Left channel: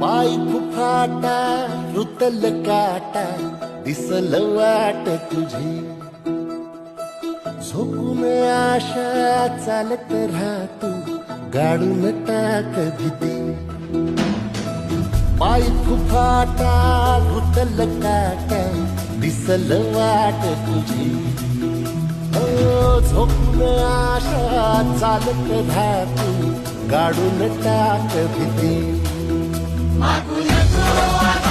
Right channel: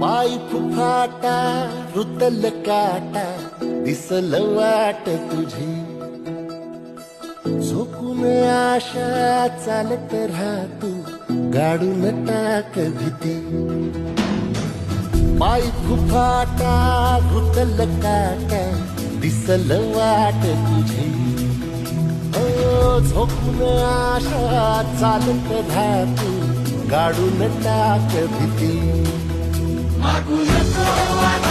पाय फुफाटा रुतल काटा दिसल वाट तुझी झोपून आशा चालत राहतू गाडून टाक भीती पाय फुफाटा रुतल काटा दिसल वाट तुझी हो झोपून आशा चालत राहतू गाडून टाक भीती मागू नको